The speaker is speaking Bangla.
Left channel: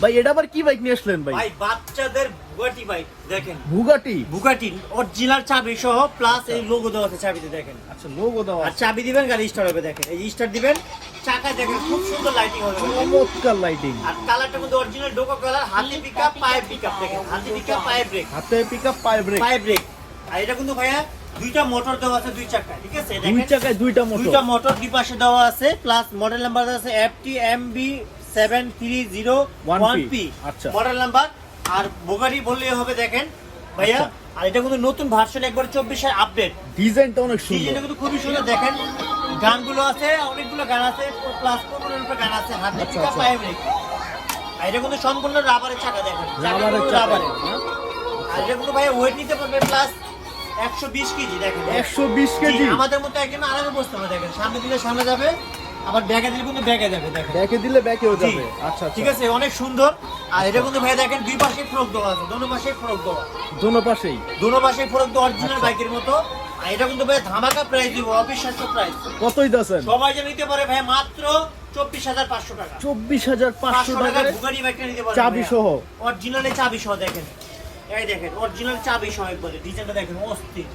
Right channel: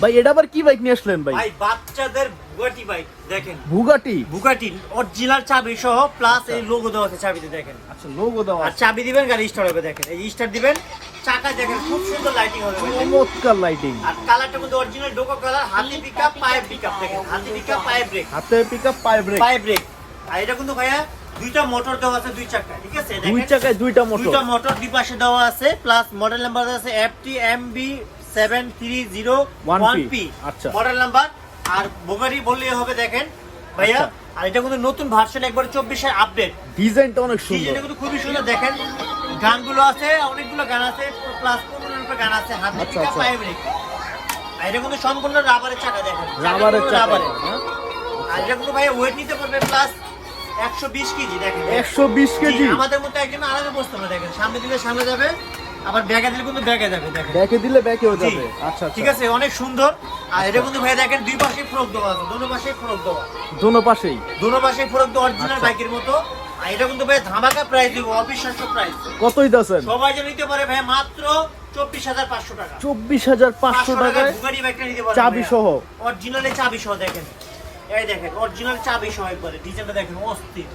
ভাই এটা আবার কি বাইক নিয়ে আসলেন ভাই? ভাই বাচ্চাদের বুগাটি বাইক দেখেন। বুগাটি বুগাটি অরিজিনাল চাবি সহ প্লাস এই লোগো দেওয়া আছে চাবিতে দেখেন। আচ্ছা লোগো দেওয়া আর চাবি দিবেন গাড়ি স্টার্ট হবে দেখেন। এই স্টার্ট দিবেন চাকা দেখেন খুব সুন্দর লাইটিং হবে চমৎকার লাইটিং আর কালারটার মধ্যে অরিজিনাল ডোকো কালার হাতি পিকআপ পায়ে পিকআপ দেখেন। হাতি পিকআপ পায়ে ব্রেক হাতে পিকআপ পায়ে ব্রেক পায়ে ব্রেক আর এটা কিন্তু ভাইয়া দুইটা মোটর দেওয়া আছে দুই চাকায় ঠিক আছে? দুই চাকায় দুইটা মোটর দুইটা মোটর দুই পাশে দেওয়া আছে প্লাস মডেল নাম্বার আছে F T M B seven three zero one 1P P আচ্ছা। মডেল নাম্বার আর বোগারি বললেই হবে দেখেন ভাইয়া। আচ্ছা। আর এটা কিন্তু নতুন ভার্সন একবার চব্বিশের আপডেট ডিজাইনটা অনেক সুন্দর। ডিজাইনটা কিন্তু খুবই সুন্দর দেখেন। গানগুলো আছে অনেকগুলো গান আছে প্লাস পনেরো গান আছে হাতে আচ্ছা, পিকা আচ্ছা। পায়ে ব্রেক আর এটা কিন্তু সম্পূর্ণ রাবারের চাকা দেখেন। রাবারের চাকা। রাবারের আর এটা কিন্তু ভাইয়া ওয়েট নিতে পারবে প্লাস একশো বিশ কেজি দেখেন একশো বিশ জি, কেজি? আমাদের মতো একজন আরামে বসতে হবে দেখেন। সামনে দিলে সামনে যাবে আবার ব্যাগে দিলে কিন্তু ব্যাগে যাবে দেখেন। ব্যাকে দিলে ব্যাকেও যাবে। আচ্ছা ঠিক আচ্ছা আছে অনেক সুন্দর। আর এটা কিন্তু ভাই দেখেন দুই পাশে ফ্রক দেওয়া আছে দোনো পাশে ফ্রক দেওয়া। দোনো পাশেই? দোনো পাশে ফ্রক দেওয়া অরিজিনাল আচ্ছা। বাইকের মতো। আর এটা কিন্তু ভাই ধামাকা প্রাইস দিব অবিশ্বাস্য প্রাইস কতই সবাই যে নিতে পারে ভাই মাত্র চব্বিশ হাজার পাঁচশো টাকা। চব্বিশ হাজার পাঁচশো পারে চাবি সহ। অরিজিনালে চাবি সহ দেখেন। এই দেখেন অরিজিনাল চাবি সহ একবারে ডিজাইনটা দেখেন অস্থির।